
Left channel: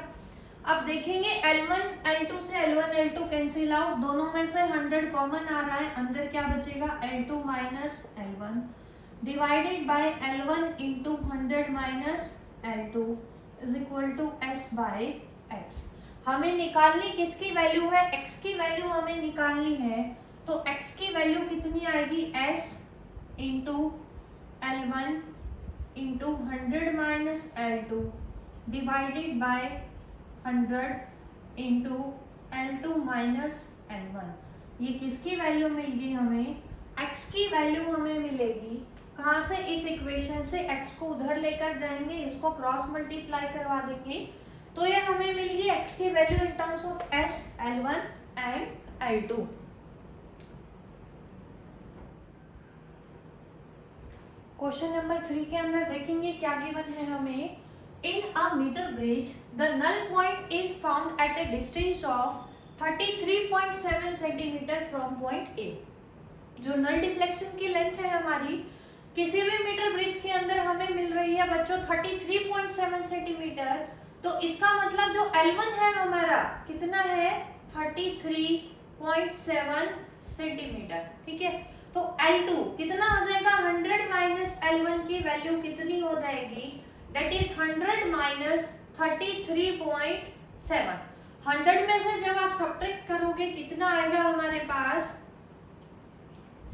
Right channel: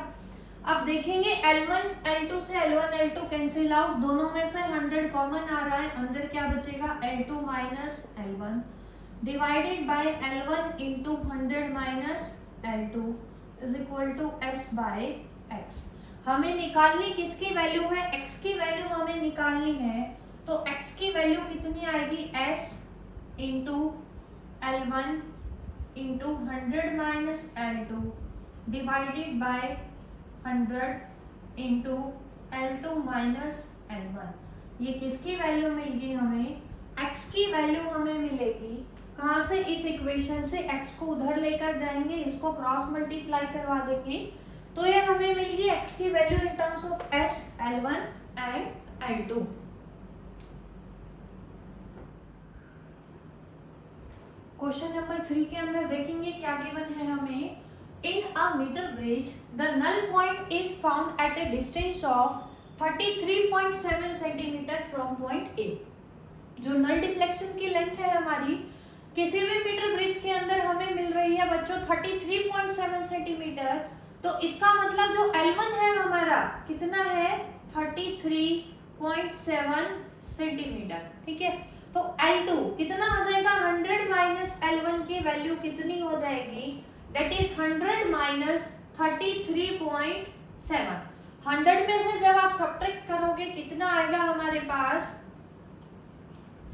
अब देखेंगे L1 L2 से L1 L2 कैंसिल आउट, दोनों में से 100 कॉमन आ रहा है, अंदर क्या बचेगा, L2 minus L1 divided by L1 into 100 minus L2 is equal to S by X. हमें निकालनी किसकी वैल्यू है, x की वैल्यू हमें निकालनी है, तो x की वैल्यू कितनी आएगी, s into L1 into 100 minus L2 divided by 100 into L2 minus L1। ये किसकी वैल्यू मिलेगी हमें, x की वैल्यू हमें मिलेगी कहाँ से, इस इक्वेशन से x को उधर लेकर जाएंगे, इसको क्रॉस मल्टीप्लाई करवा देंगे, तो ये हमें मिलेगी x की value in terms of s L1 and L2। Question number 3 के अंदर देखेंगे क्या गिवन है हमें, in a metre bridge the null point is found at a distance of 33.7 centimetre from point A. जो नल डिफ्लेक्शन की लेंथ है हमारी किसी भी मीटर ब्रिज के अंदर हमें मिल रही है बच्चों 33.7 सेंटीमीटर, तो इसका मतलब जो L1 है हमारा कितना है, 33.7 सेंटीमीटर, ठीक है। तो L2 कितना हो जाएगा, 100 माइनस L1 की वैल्यू कितनी हो जाएगी, दैट इज 100 माइनस 33.7। 100 में से जब आप सब्ट्रैक्ट करोगे कितना आएगा हमारे पास,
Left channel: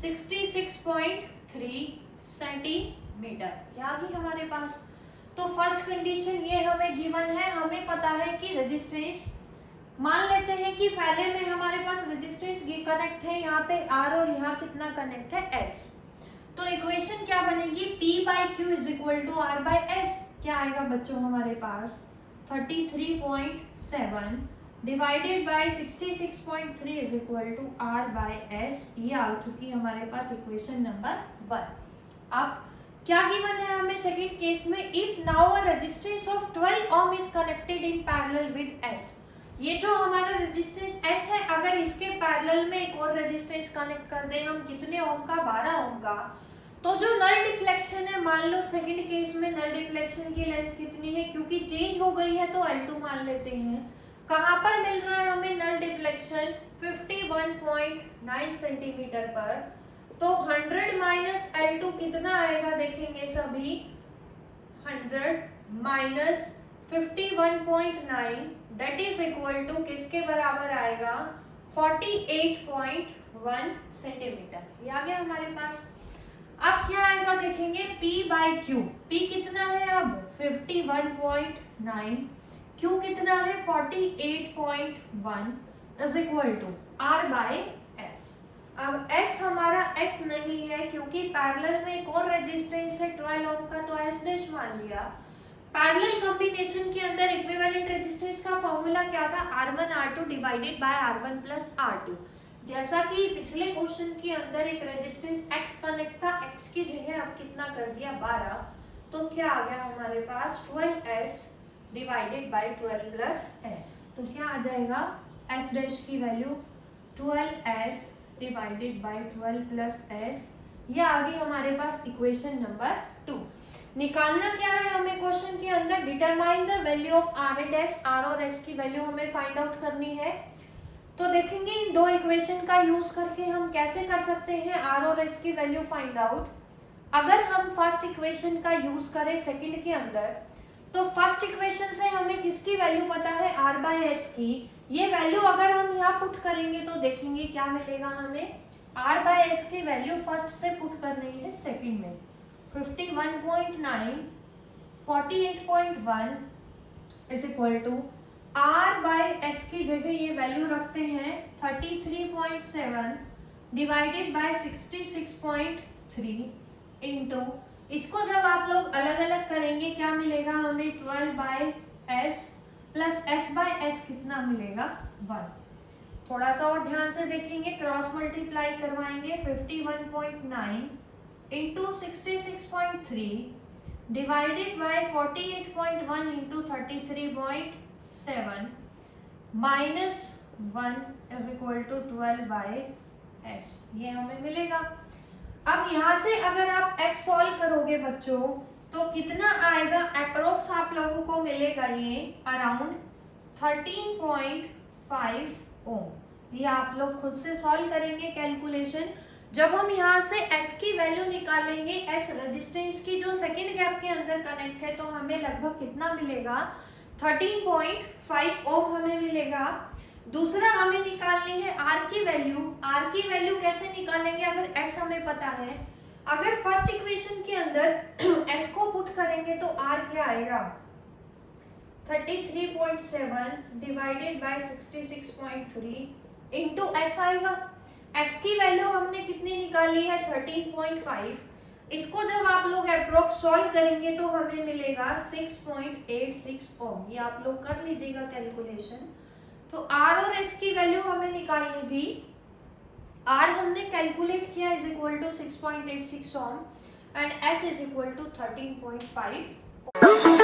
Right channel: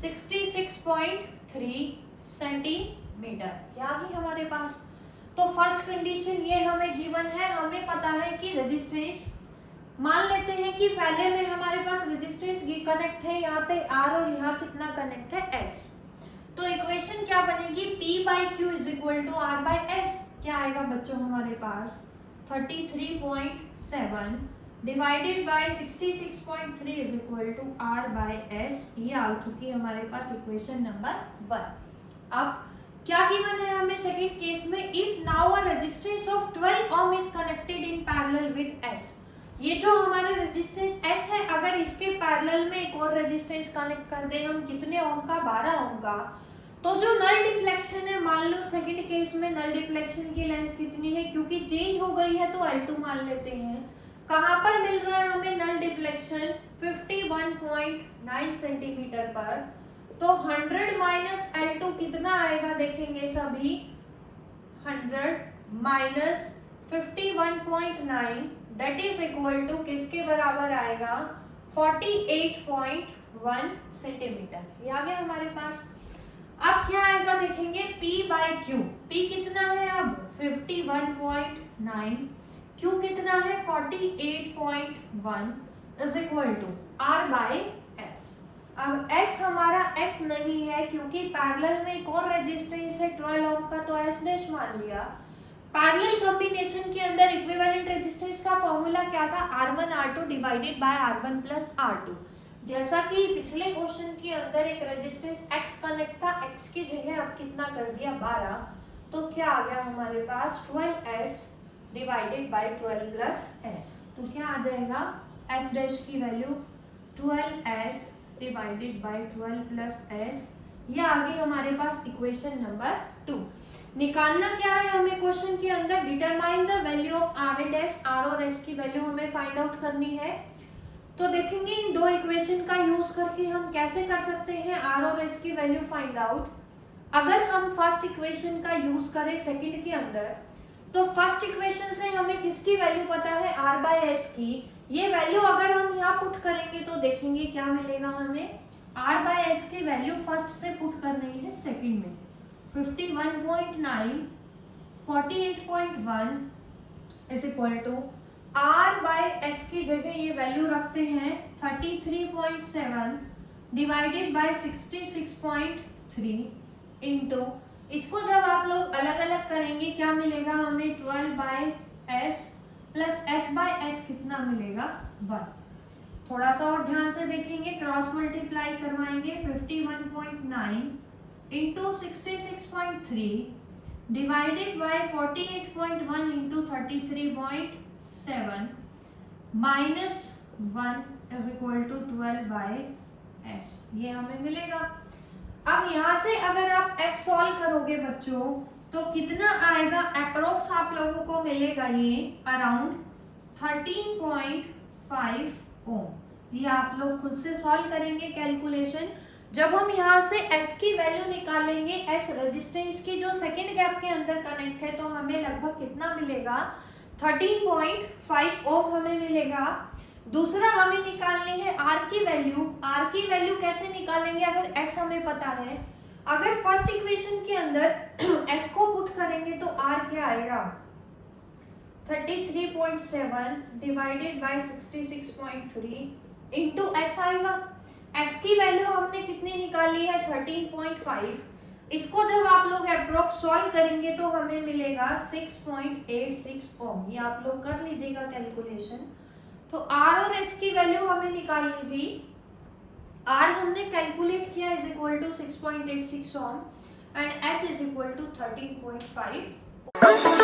66.3 सेंटीमीटर, याद ही हमारे पास। तो फर्स्ट कंडीशन ये हमें गिवन है, हमें पता है कि रेजिस्टेंस, मान लेते हैं कि पहले में हमारे पास रेजिस्टेंस कनेक्ट है यहाँ पे R और यहाँ कितना कनेक्ट है S, तो इक्वेशन क्या बनेगी, P by Q is equal to R by S। क्या आएगा बच्चों हमारे पास 33.7 divided by 66.3 is equal to R by S। ये आ चुकी है हमारे पास इक्वेशन नंबर 1। अब क्या गिवन है हमें सेकंड केस में, if now a resistance of 12 ohm is connected in parallel with S. ये जो हमारा रेजिस्टेंस एस है, अगर इसके पैरेलल में एक और रेजिस्टेंस कनेक्ट कर दें हम, कितने ओम का, 12 ओम का, तो जो नल डिफ्लेक्शन है, मान लो सेकंड केस में नल डिफ्लेक्शन की लेंथ कितनी है, क्योंकि चेंज हो गई है तो L2 मान लेते हैं। कहाँ पर मिल रहा है हमें नल डिफ्लेक्शन, 51.9 सेंटीमीटर पर। तो 100 माइनस L2 कितना आएगा, देखेंगे सभी, 100 minus 51.9 that is equal to किसके बराबर आएगा, 48.1 सेंटीमीटर। ये आ गया हमारे पास। अब क्या आएगा देखेंगे, P बाई Q। P कितना है अब 51.9, Q कितना है 48.1 is equal to R by S। अब S हमारा S नहीं है, क्योंकि पैरेलल में एक और रेजिस्टेंस है 12 ओम का, तो S डैश मान लिया। पैरेलल कॉम्बिनेशन के अंदर इक्विवेलेंट रेजिस्टेंस का फॉर्मूला क्या था, R1 R2 divided by R1 plus R2। जैसा कि पिछले क्वेश्चन के अंदर एक रेजिस्टेंस X कनेक्ट था, X की जगह अब कितना कर दिया 12, तो क्या आ गया हमारे पास 12S divided by 12 plus S। तो क्या आ जाएगा, S डैश की value 12S divided by 12 plus S। ये आ गई हमारे पास इक्वेशन नंबर 2। निकालना क्या है हमें क्वेश्चन के अंदर, determine the value of R and S। R और S की वैल्यू हमें फाइंड आउट करनी है। तो देखेंगे इन दो इक्वेशन का यूज करके हम कैसे कर सकते हैं R और S की वैल्यू फाइंड आउट। अगर हम फर्स्ट इक्वेशन का यूज करें सेकंड के अंदर, तो फर्स्ट इक्वेशन से हमें किसकी वैल्यू पता है, R बाय S की। ये वैल्यू अगर हम यहाँ पुट करेंगे तो देखेंगे क्या मिलेगा हमें, R बाय S की वैल्यू फर्स्ट से पुट करनी है सेकंड में, 51.9 48.1 is equal to R by S की जगह ये वैल्यू रखते हैं 33.7 डिवाइडेड बाय 66.3 इंटू, इसको जब आप लोग अलग अलग करेंगे क्या मिलेगा हमें, 12 by S plus S by S कितना मिलेगा 1। थोड़ा सा और ध्यान से देखेंगे, क्रॉस मल्टीप्लाई करवाएंगे, 51.9 into 66.3 divided by 48.1 into 33.7 minus 1 is equal to 12 by S। ये हमें मिलेगा। अब यहाँ से अगर आप S सॉल्व करोगे बच्चों, तो कितना आएगा, अप्रोक्स आप लोगों को मिलेगा ये अराउंड 13.5 ओम। ये आप लोग खुद से सॉल्व करेंगे कैलकुलेशन। जब हम यहाँ से S की वैल्यू निकालेंगे, S रेजिस्टेंस की जो सेकंड गैप के अंदर कनेक्ट है, तो हमें लगभग कितना मिलेगा, 13.5 ओम हमें मिलेगा। दूसरा हमें निकालनी है R की वैल्यू। R की वैल्यू कैसे निकालेंगे, अगर S हमें पता है, अगर फर्स्ट इक्वेशन के अंदर S को पुट करेंगे तो R क्या आएगा, 33.7 डिवाइडेड बाय 66.3 इंटू S आएगा। S की वैल्यू हमने कितनी निकाली है, 13.5। इसको जब आप लोग अप्रोक्स सॉल्व करेंगे तो हमें मिलेगा 6.86 ओम। ये आप लोग कर लीजिएगा कैलकुलेशन। तो R और S की वैल्यू हमें निकालनी थी, R हमने कैलकुलेट किया is equal to 6.86 ohm and S is equal to 13.5।